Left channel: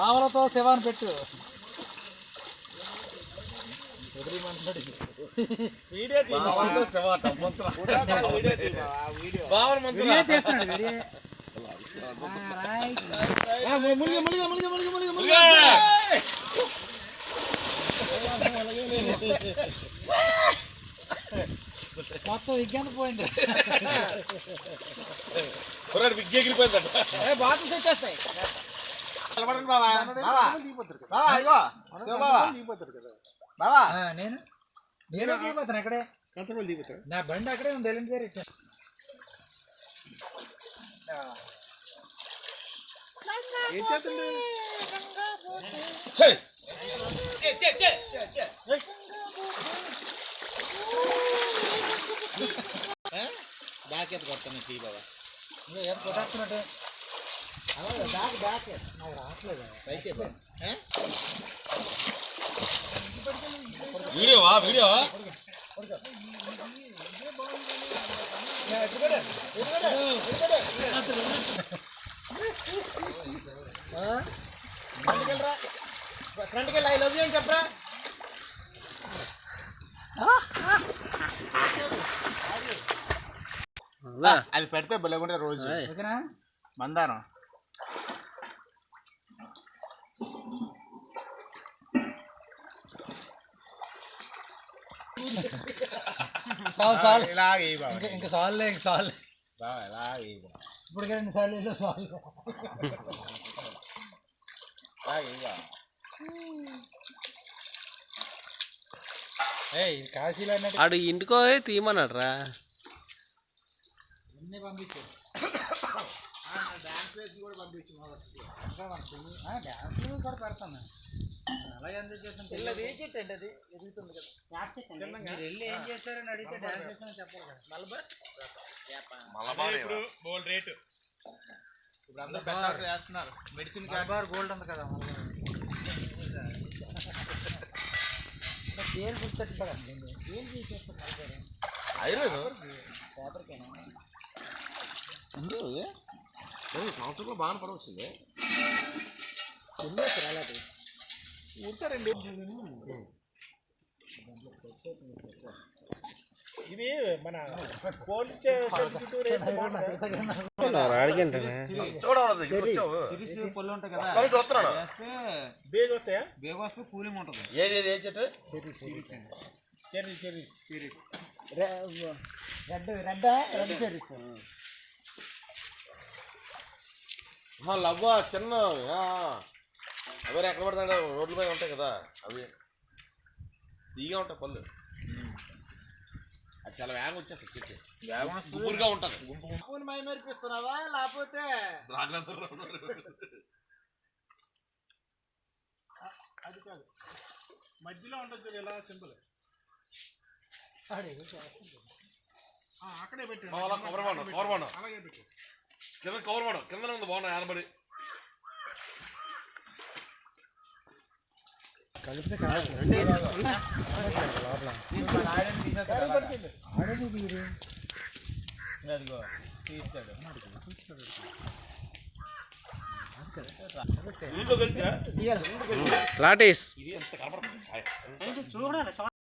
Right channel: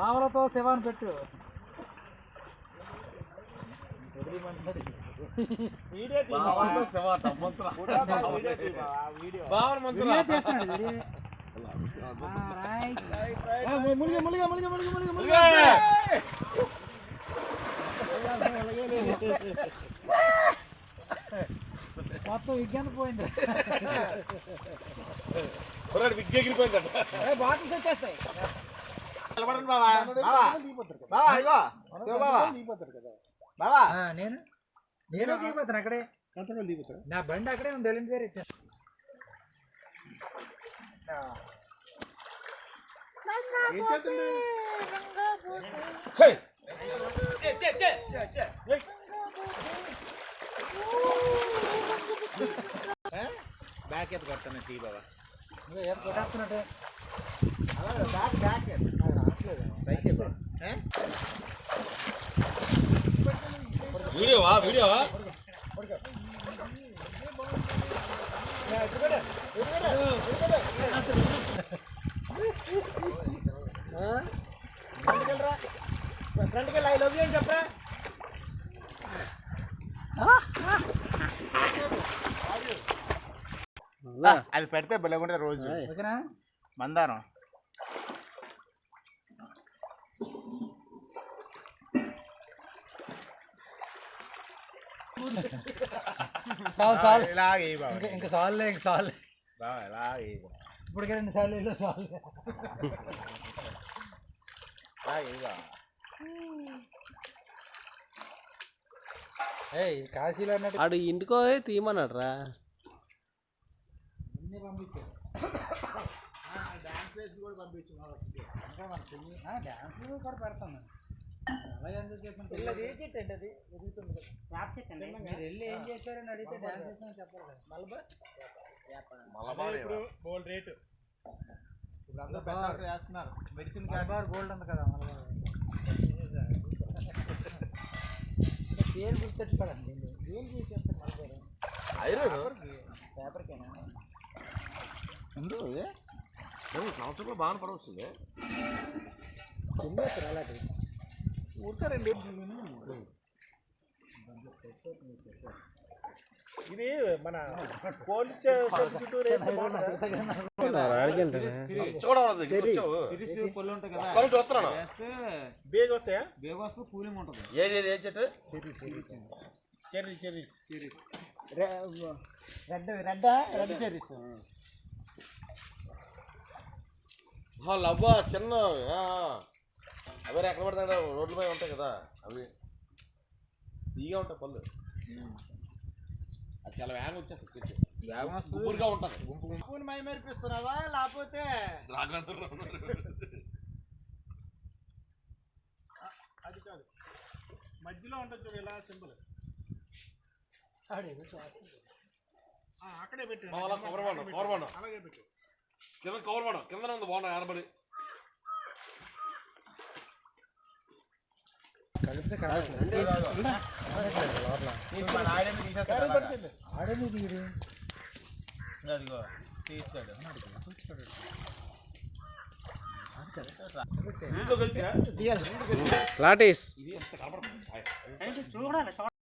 మామలతో శివాన్ని పెట్టు. మొత్తం విజ్ఞాన పోయింది. విగ్గెగిరిపోయింది. బాటిల్స్ వచ్చేస్తాయి. నేను దిగిపోతాను అక్కడే. నా బండి అక్కడే ఉంది. వెళ్ళింది బ్యాక్ ఎత్తు కొడతాను టీ బాబా. ఏం కొట్టేస్తున్నట్టు అలాగే బ్యాక్ బ్యాక్ రావట్లేదు. వీడియోవా వీడియో ఫ్రంట్కి వెళ్ళి ఐ లవ్ యూ అని చెప్పరా. అది పెడితే బలగుంటే రోజు మందారం. ఇంకా సార్లే ఇంక సార్లే ఇప్పటికే 2 సార్లు వెళ్ళి సార్లు. కాశీలో అన్నట్టు ఆడు ఇంటికో తీయమన్నాడు రా. పంపించు డ్యాన్స్ కూడా పంపించు. డ్యాన్స్ కూడా పెడతాను. అలా ఎందుకు చేస్తాను. పిల్లది చెట్టండి, అది ఎదుగుతుంది కదా. మీరు వెళ్ళి ఏం చేస్తారని అడిగితే డ్యాన్స్ చేస్తానని చెప్పాలి కదా. మలబార్ ఇప్పుడు గోల్డ్ రేటు. ఇప్పుడు అందరూ బెల్లార్ చేస్తున్నారు. మెడిసిన్ మలబార్ గోల్డ్ ఉంది కదా. పేరు గుర్తెట్టుకోవడం ఏం చేసేస్తాను. మలబార్ ఆయుర్వేదం పేపర్కేనా ఉంది. సంవత్సరంలో బాగా పడవస్తుంది. అలాంటి ఉంటారండి. ఇది మన పోలీస్ బేగ వస్తే కూలింగ్ ఉంటుంది. ఏది ఏ చెట్టు? Cherry red cherries. లవ్వ చిన్న అవి ఎక్కడ పడతాడు రోడ్ల మీద ఉంటాయి కదా. అవి తీగా ఉంటాయి పళ్ళు. అది చాలా వేగం వచ్చేస్తుంది. చెట్టు గుంపురుగా ఉంటుంది. గుంపుని మై మరిపిస్తున్నావా లేకపోతే అది కాదు, మధ్యలో ఉంటుంది చూడు ఇలా సింపుల్. అక్కడే పెట్టి కవర్ బాండం అలాగే పెట్టు. కింద కవర్ బాండం కింద ఉంది బాగున్నా ఆనబడి కలిపితే లాటీస్ ఇది ఎంత కనబడుతుంది.